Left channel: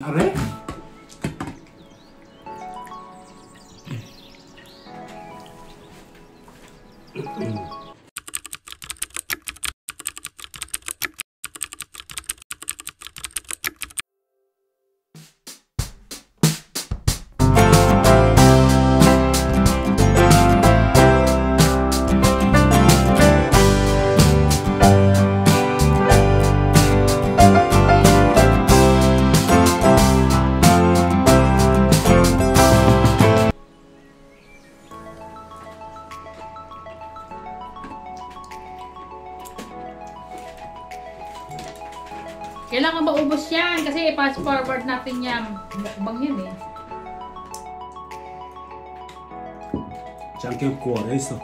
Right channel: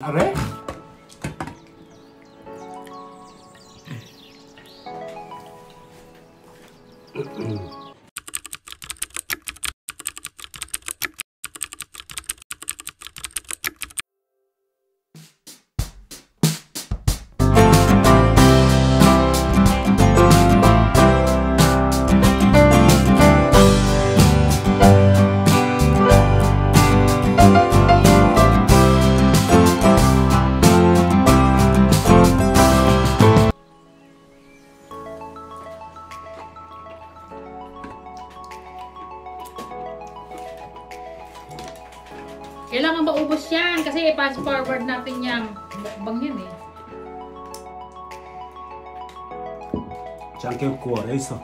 Are? Kailangan maubos yan kasi i-fast forward natin yan. Mukbang yun eh. C'è anche il cuore, hai visto?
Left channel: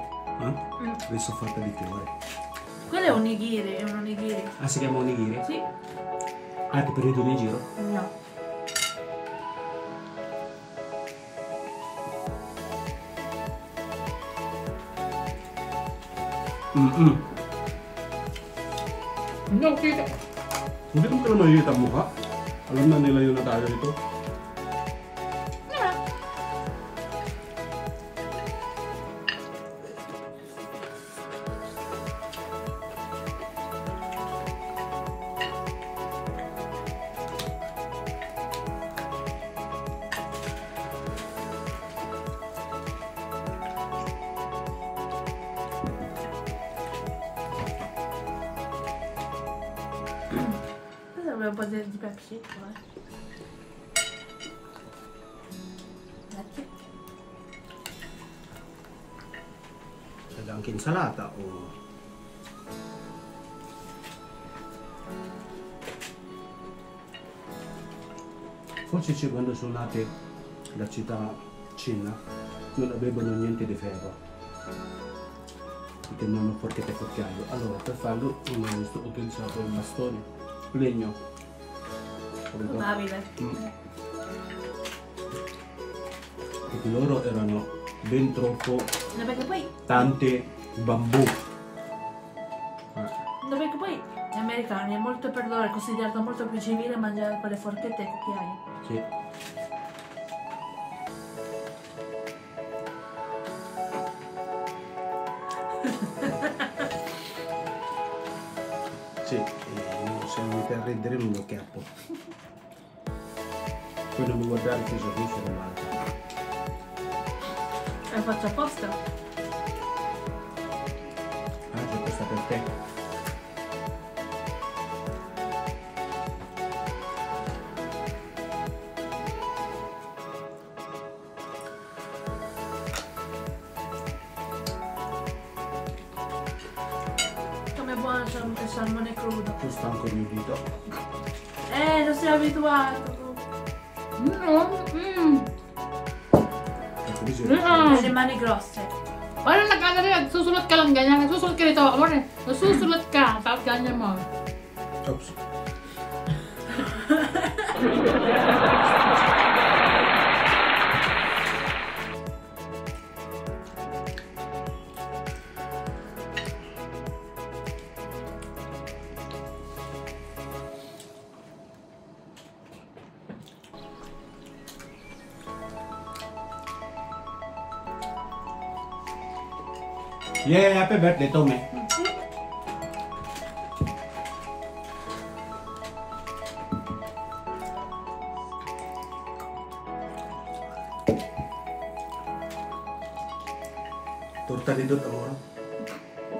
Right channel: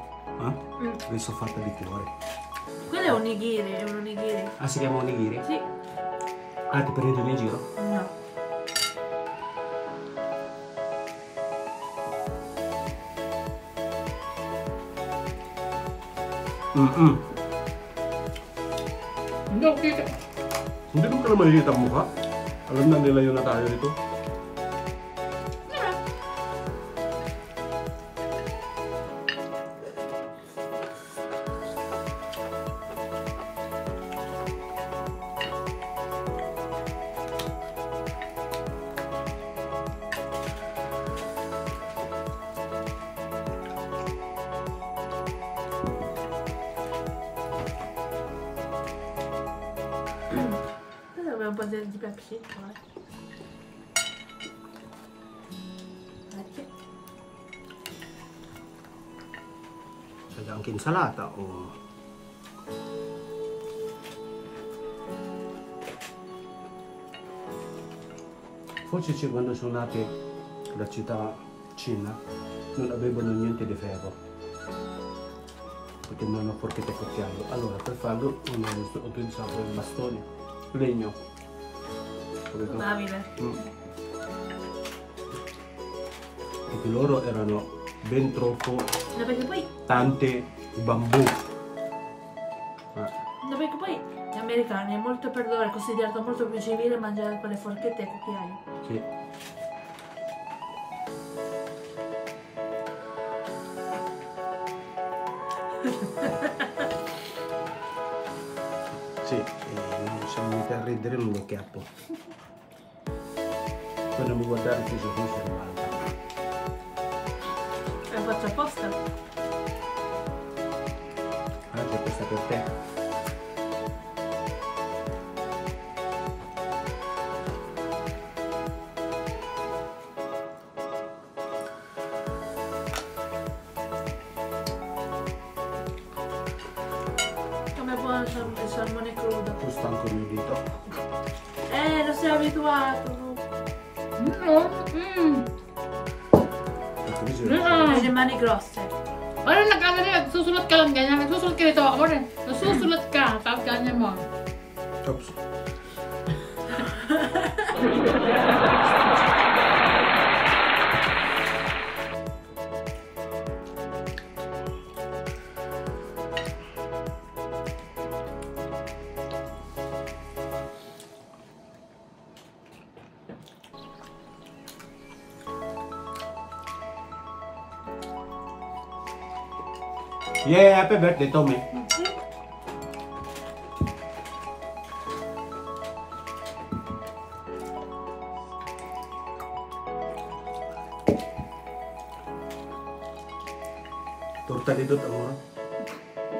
Adesso ho fatto di cuore. Quello è onigiri, è un onigiri. Ah, si chiama onigiri? Sì. Ah, ti prendi in giro? No. No, kita. Hindi ko naman makikita ang mukha. Alam na nila yung natalo nito. Aveva un po' di Pepsi. Grazie. C'è anche insalata o... Forse c'è quando sono nate la città Cina non avevano niente di ferro perché non hanno forchette e cucchiaio. Allora per farlo hanno utilizzato il bastone, legno. Probabile. Perché loro erano ben troppo No, perché poi, tante bambù. no, perché poi gli americani è molto per loro, è considerato molto più civile mangiare con le forchette e cucchiai. Sì. Sì, sono venuto a ridere in un chiappo. Poi non mi guardare che sono male. Lo faccio apposta. Ah, c'è questa per te. Come buono il salmone crudo. Sono stanco di udito. Non sei abituato. Hai le mani grosse. Ano nag-ano rin, susulat ka lang ganyan. Nagsusulat ka rito. Ano rin, nasusulat ka. Tapos ganyan mo. Oops. Yeah, happy birthday, Tommy. Torta di tutto, amore.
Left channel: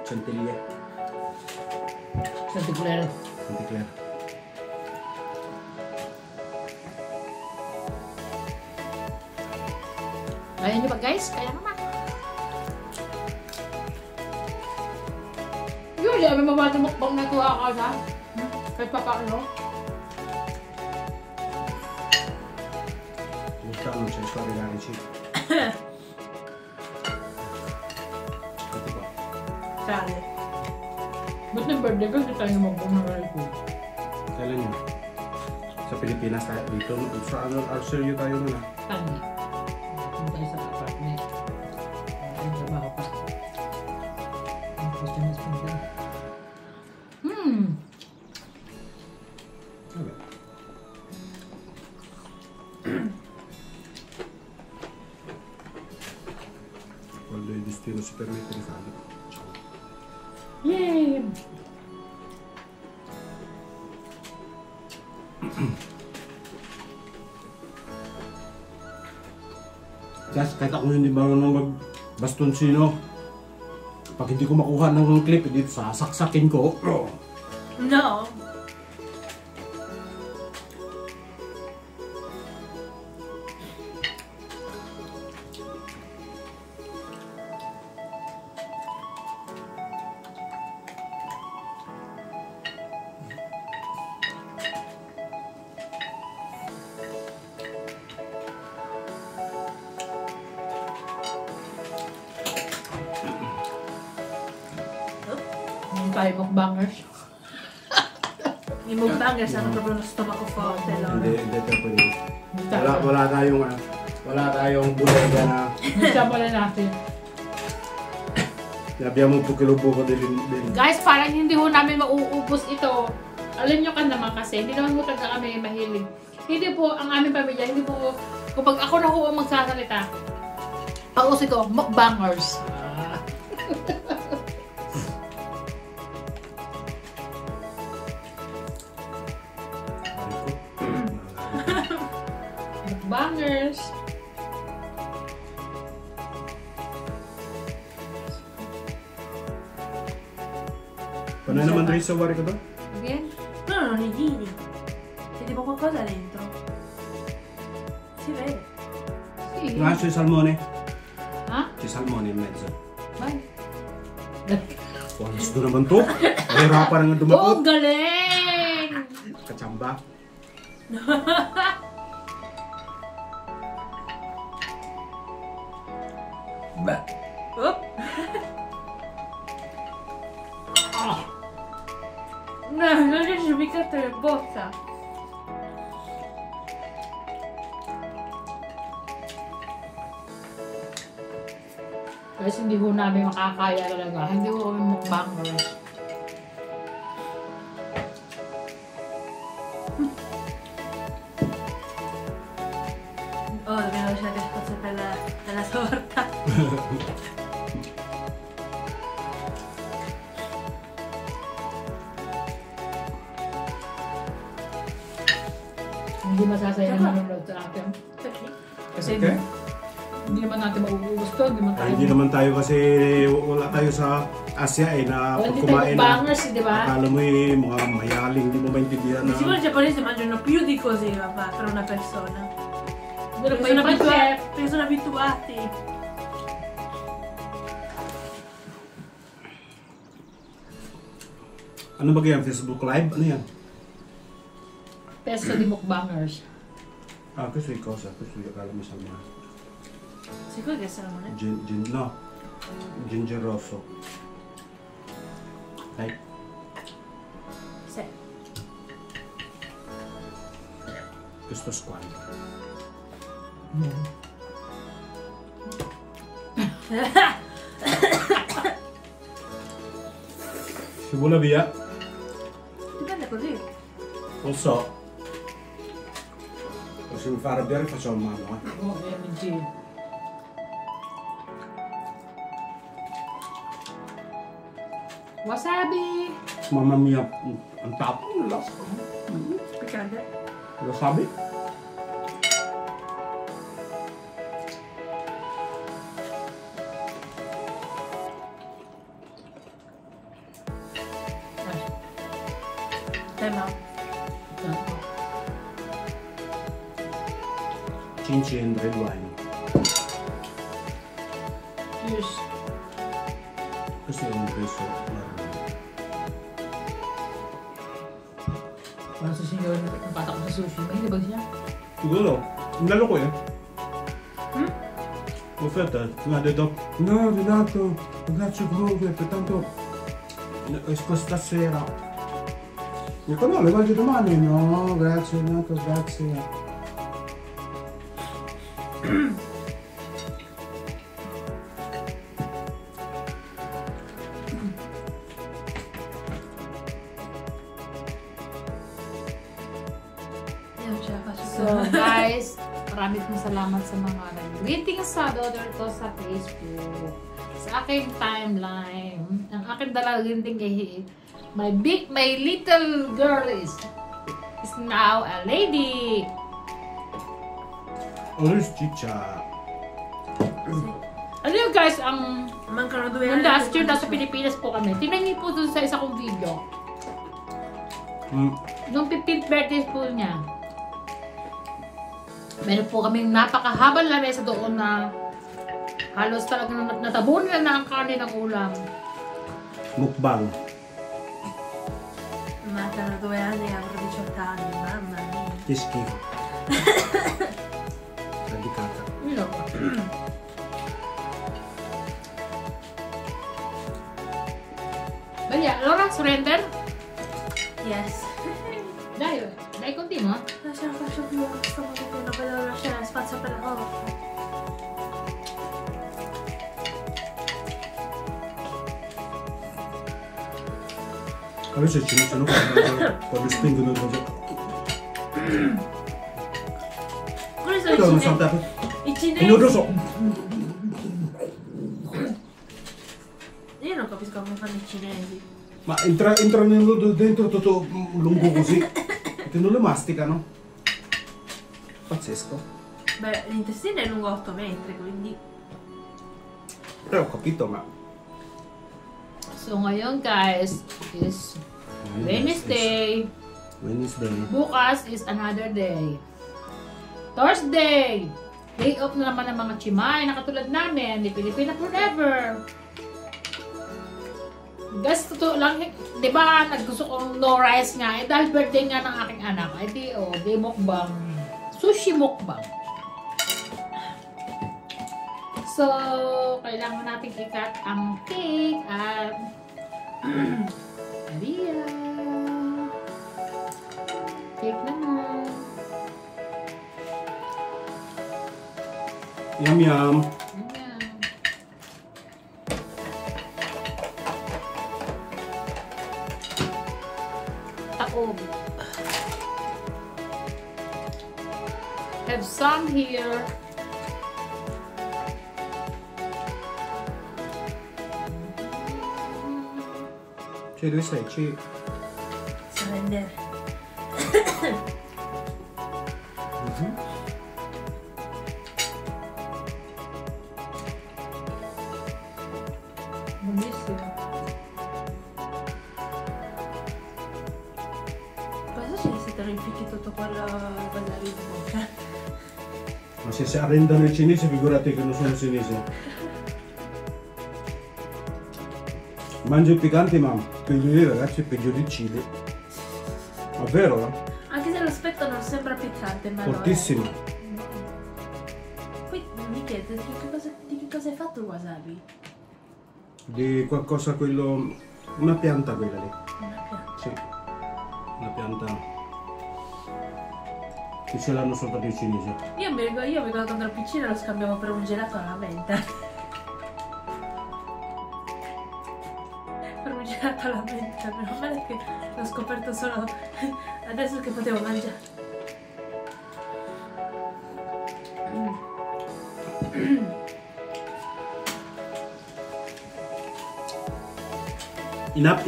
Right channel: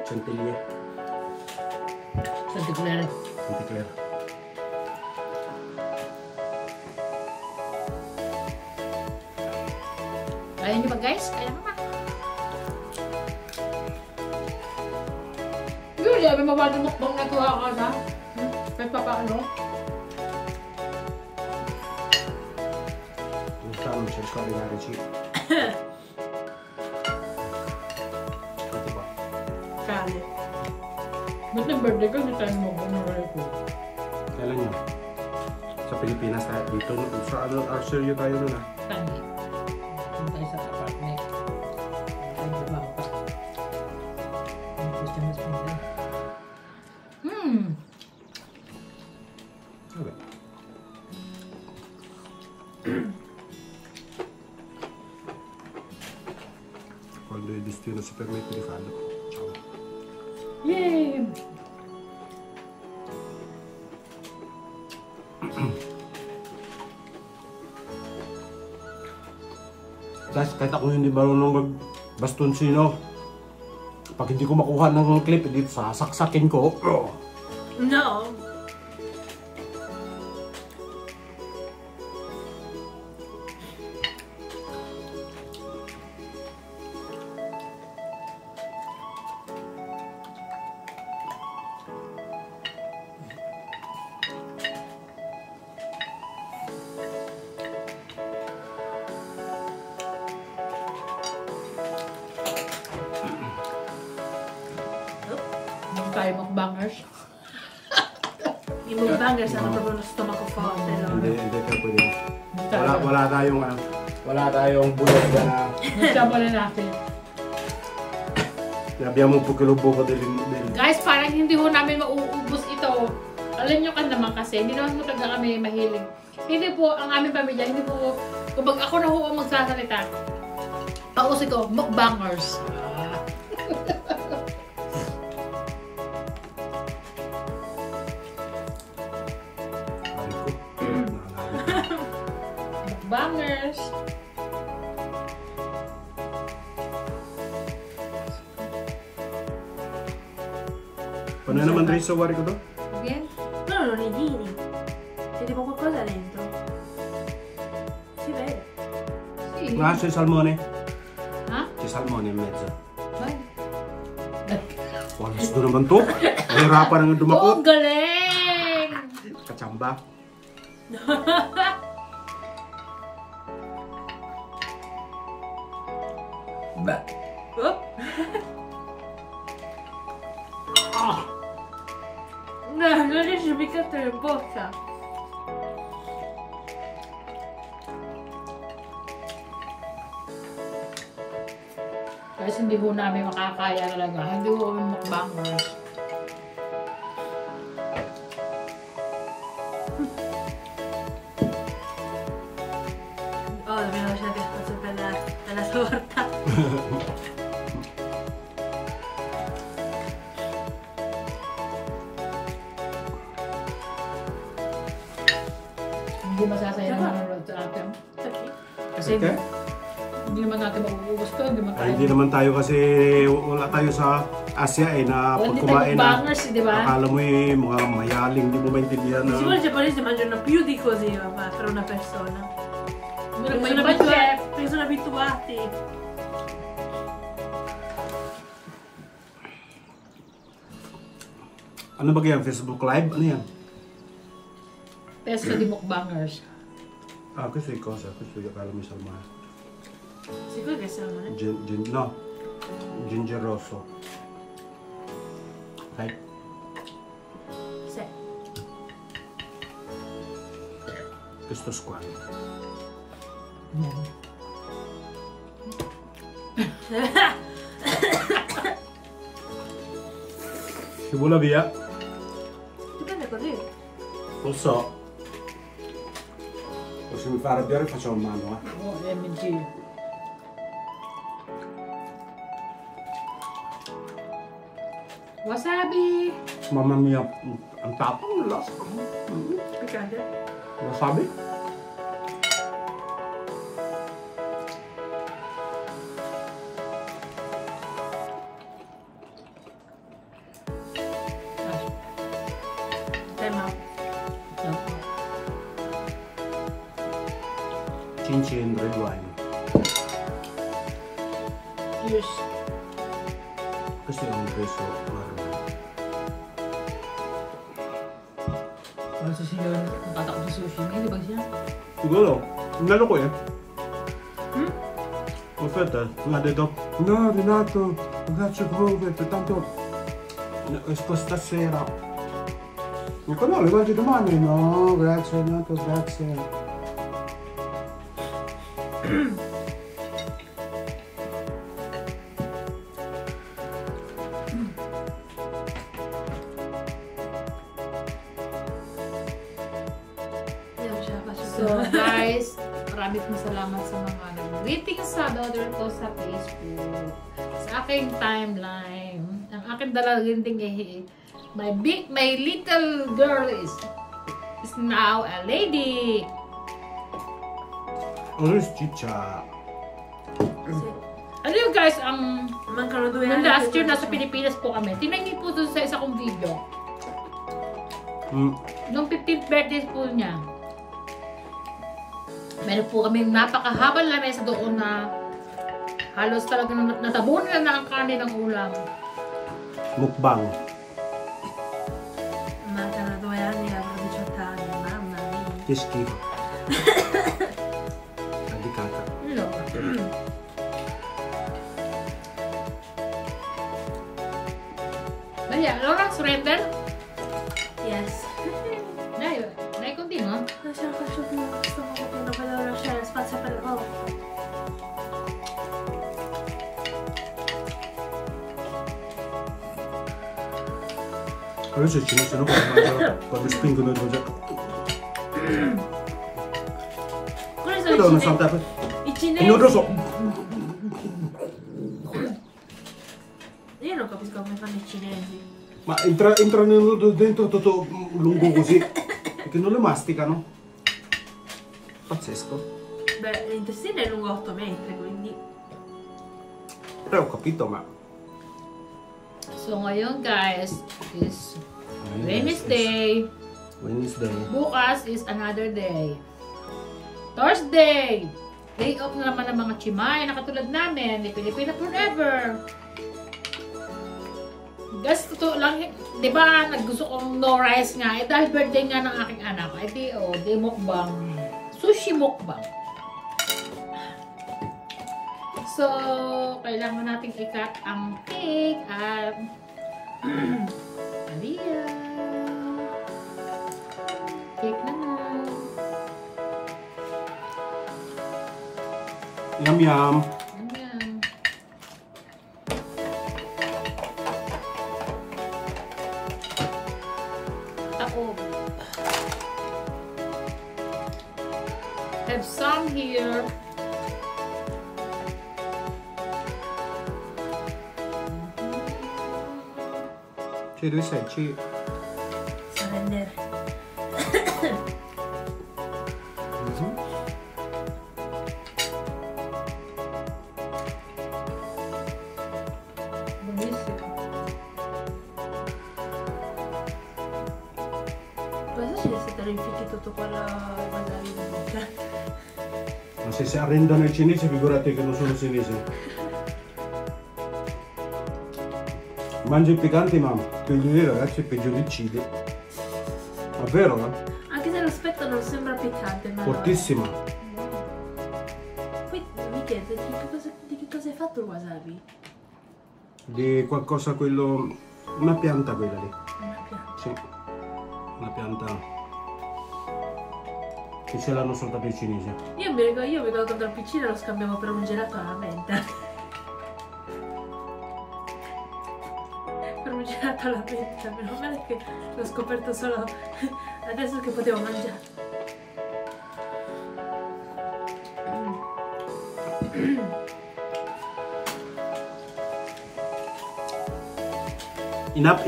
Centiglia. Santiglere. Centiglia. Ayun di ba guys? Kaya naman. Yun, di kami mabadumukbang na ito ako na. Kahit pa paano. Quest'anno cerco di arrivarci. Ito ba? Sale. Ba't may birthday ko? Hindi tayo mag-umaral ko. Kailan yun? Sa Pilipinas tayo. Dito, sa ano, Australia tayo nun ah. Tanya. Punta sa apartment. Ay, trabaho pa. Ang Christmas punta. Vabbè. Quando il destino si permette di farlo. Yay! Guys, kahit ako hindi marunong magbastonsino, pag hindi ko makuha ng clip, hindi sasaksakin ko. No. Tayo mukbangers. Yung mukbangers, ano proprio lo stomaco forte loro. Hindi pwede. Wala tayong bulog na Nasama na natin. abbiamo un po din. Guys, parang hindi ho namin mauubos ito. Alam nyo ka naman kasi, hindi naman mo talaga kami mahilig. Hindi po, ang aming pamilya, hindi po, kapag ako na ho ang magsasalita, ako ito, mukbangers. Mukbangers. Ano naman rin sa wari ko doon? Bien. No, non i giri. C'è tipo qualcosa dentro. Si vede. Sì. Ah, c'è salmone. Ha? C'è salmone in mezzo. Bye. Walis doon naman to. Nahirapan nga dumakot. Oh, galing! Kachamba. Oh. No, non riesci a piccarti in bocca. Guys, hindi ho namin makakaya talaga. Hindi ho kami mukbangers. Oh, dobbiamo lasciare spazio per la torta. Hindi masasaya na manonood sa atin. Perché? Kasi Okay. hindi naman natin mauubos to. Hindi naman tayo kasi wala tayo sa Asia na Wala pag din tayo kumain na mukbangers, di ba? akala mo mga mayaling, di mo maintindihan Di sicuro na i giapponesi mangiano più di così, papà, per una persona. Wala Perché pa yung budget. perché sono abituati. ano ba yan? Facebook Live? Ano yan? Pesto di mukbangers. Ah, questo è cosa? Questo è la mia salmone. Sicuro che sono, eh? No, ginger rosso. Dai. Sì. Questo squalo. Si vola via? Dipende così. Non so. O se mi fa arrabbiare facciamo mano, Oh, MG. Wasabi! Mamma mia, ang tapang lasa. Piccante. Wasabi? Ma Cincin red wine. Cheers. Questo è un peso marrone. Parang sa sinyo, natatakot sa sushi. May libag siya. Siguro, lalo ko eh. Hmm? Aspetta, mi ha detto, no Renato, grazie come, tanto questa sera. Dico no, le mangi domani? No, grazie Renato, grazie. io non ce la faccio So più. guys, Maraming salamat sa mga nag-greeting sa daughter ko sa Facebook. Sa aking timeline. Ang aking dalawang greeting my little girl is now a lady. Orange chicha. Ano yun guys, ang Mancano last year nasa Pilipinas po kami. Tingnan niyo po dun sa isa kong video. Nung 15th birthday po niya. Meron po kami napakahabang lamesa doon na halos talagang natabunan na ang kanin ng ulam. Mukbang. Mancano 2 anni, avrò 18 anni, mamma mia. Che schifo. Radicata. No. Bella, allora surrender? Yes. Dai continua. Non ce la faccio più, sto morendo, non vedo lasciare spazio per l'orto. Adesso ci sono quando spingono il progetto. Quelli sono i cinesi. I cinesi. Non lo so. Io non capisco come fanno i cinesi. Ma entrano dentro tutto lungo così. Perché non le masticano. Pazzesco. Beh, l'intestino è lungo 8 metri, quindi... Però ho capito, ma... So ngayon guys is Wednesday. Bukas is another day. Thursday. Day off na naman ng mga chimay na katulad namin. Di Pilipina forever. Guys, totoo lang, di ba naggusto kong no rice nga, eh dahil birthday nga ng aking anak, eh di mukbang, sushi mukbang. So, kailangan natin ikat ang cake at Maria. Cake naman. Yum yum. I have some here. Ci dove sei? Ci... Surrender. Bellissimo. Cosa ci siete rinficchi tutto quello lì in bocca? Ma se si arrendono i cinesi, figurati che non sono cinesi. Mangia i picanti, ma devo dire ragazzi è peggio di cibo. È vero, no? Anche se l'aspetto non sembra piccante, ma Fortissimo. lo è. Poi mi chiedo di che cosa è fatto il wasabi? Di qualcosa quello... Una pianta quella lì. Una pianta. Sì. Una pianta che ce l'hanno soltanto i cinesi. Io mi ricordo quando ero piccina lo scambiavo per un gelato alla menta. Per un gelato alla menta, meno male che l'ho scoperto solo adesso che potevo mangiare. Enough.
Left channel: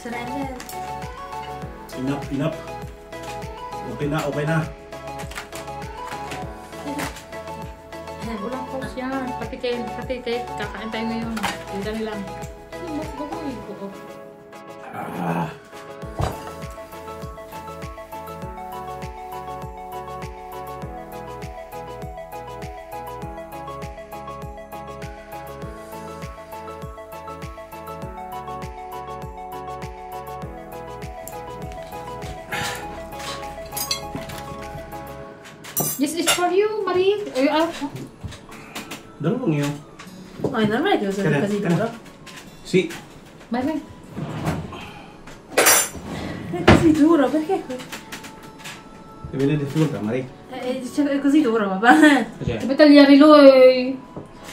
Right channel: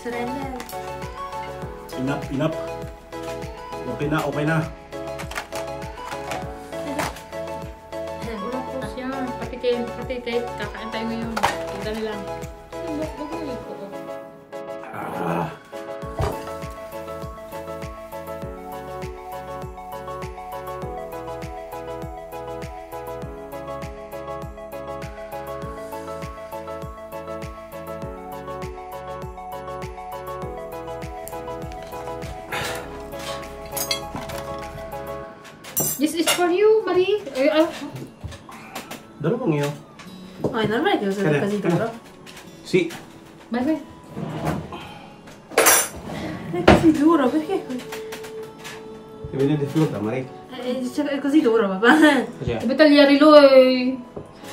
Surrender. Enough. Okay na. Walang pause yan. Pati kayo, kakaantay mo yun. Tingnan lang. Gagawin ko. This is for you, Marie. Dalawang yun. Ma è normale che usi così duro? Sì. Marie. È così duro, perché? Ti viene difficoltà, Maria? È così duro, papà. Sabi tagliare lui.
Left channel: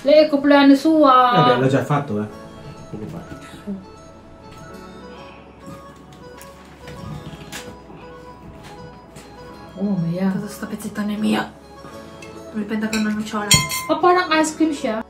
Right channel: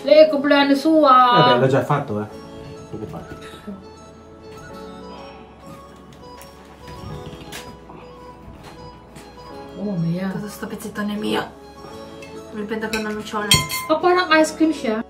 Lei è compleanno sua. Vabbè, l'ha già fatto, eh. Che fa? Oh, yeah. Todo sto pezzettone è mio. Mi prendo con una nocciola. Oh, parang ice cream siya.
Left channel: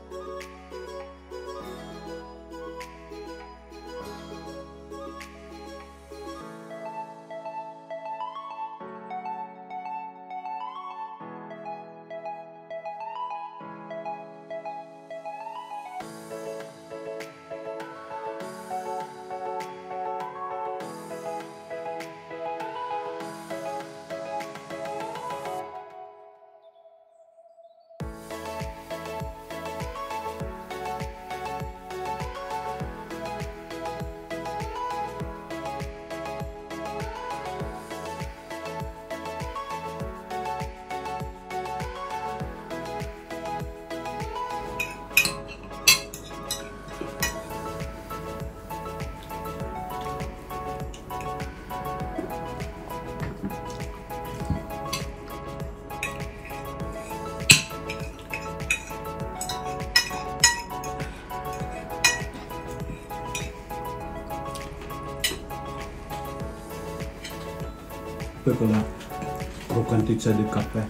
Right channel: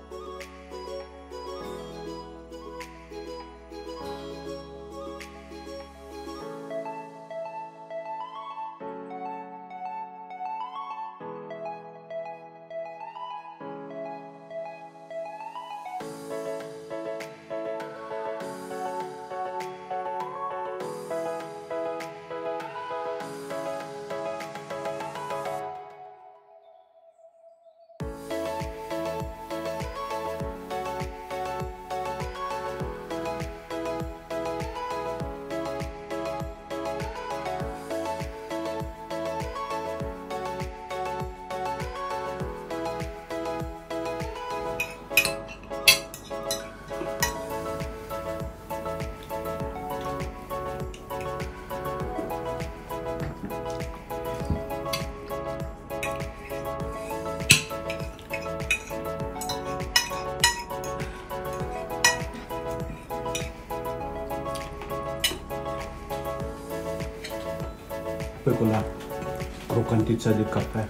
Poi con la croccantezza del caffè.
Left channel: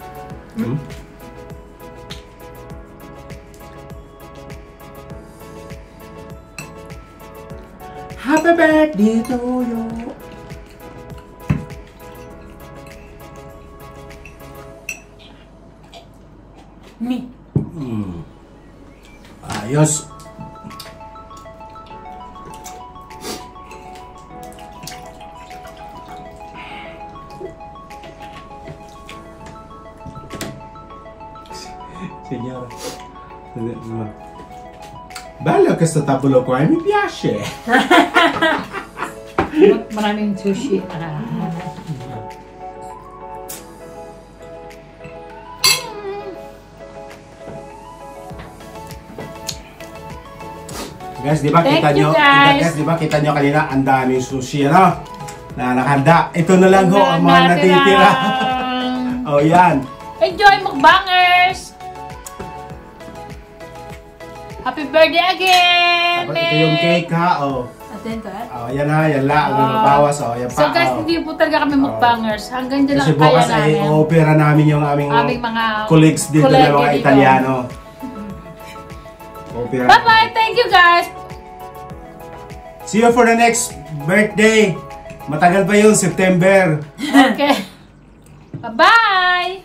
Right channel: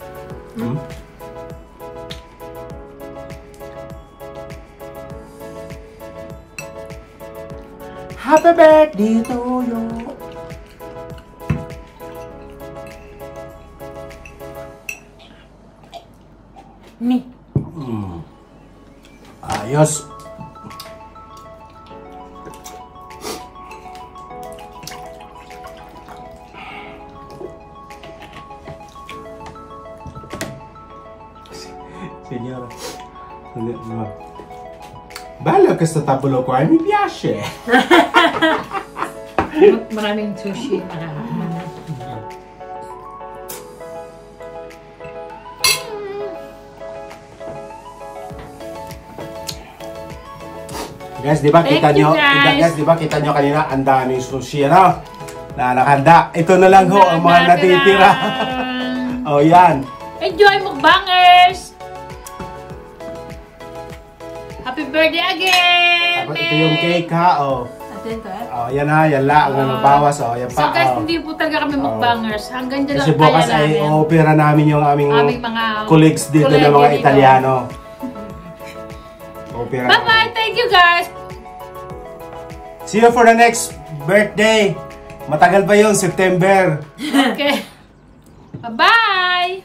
Happy birthday to you. Mi. Ayos. Signora, bello questo tavolo qua, mi piace. Maraming sushi. Guys, di ba kita nyo, guys, di ba kita nyo kanina ang daming sushi, ano? Na nakahanda. Ito na lang ho ang mga natitira. Oh, yan. Enjoy, mukbangers! Happy birthday again! Ito yung cake ha, oh. Attento, eh. Oh, yan ha, yan lang. Ang bawas, oh, yan pa. So guys, hindi po talaga kami mukbangers. Hanggang dyan lang Kasi kaya bukas ay namin. opera namin yung aming mga colleagues dito na kolege mga dito. Italiano. Opera. Bye-bye! Thank you guys! See you for the next birthday. Matagal pa yung September. Okay. Bye-bye!